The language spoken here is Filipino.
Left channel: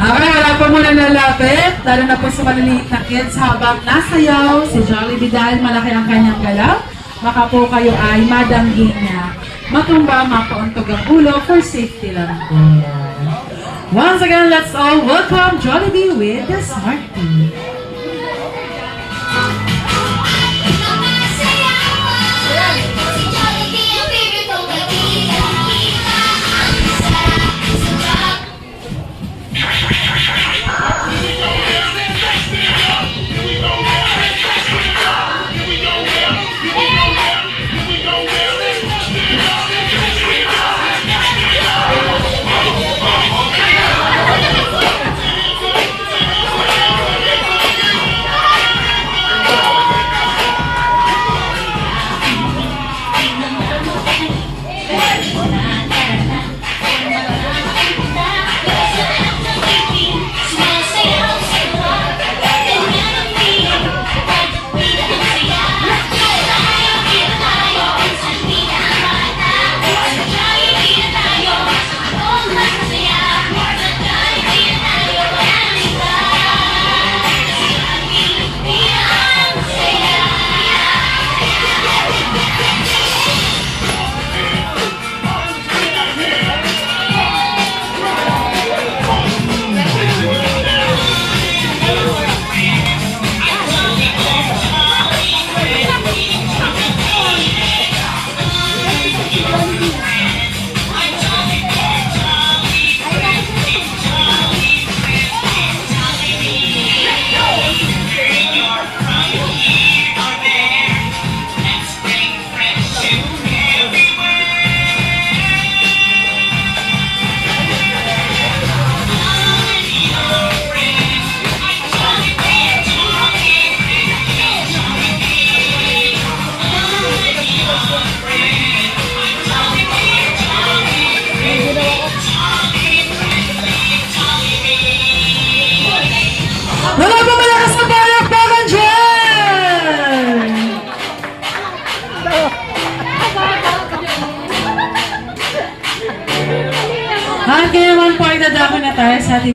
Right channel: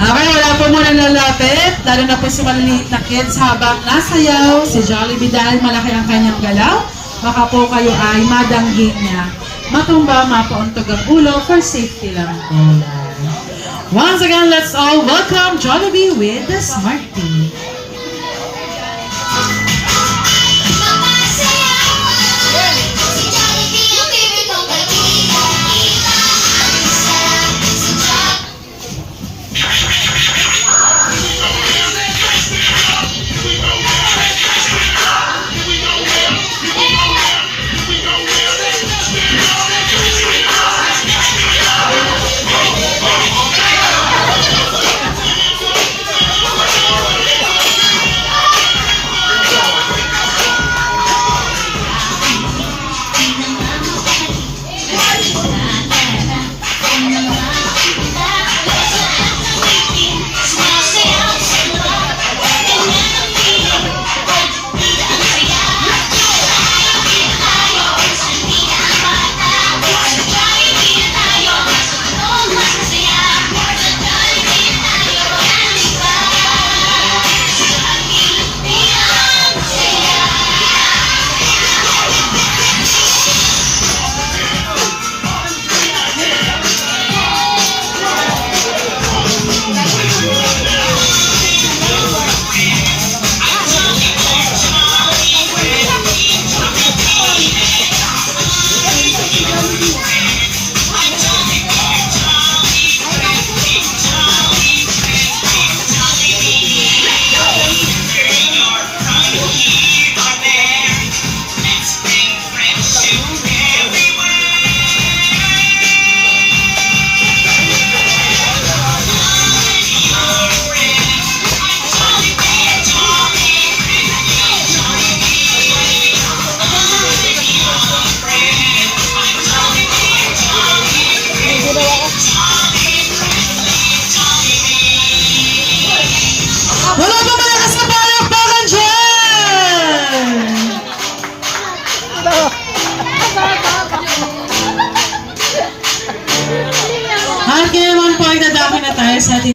Okay, wala po muna lalapit. Lalo na po sa maliliit na kids habang nasayaw si Jollibee dahil malaki ang kanyang galaw. Baka po kayo ay madangging niya. Matumba, mapauntog ang ulo for safety lang po. Once again, let's all welcome Jollibee with the Smart Tea. Wala ba malakas na palakpakan dyan? Hanggang 1 point na dapat na tayo sa ating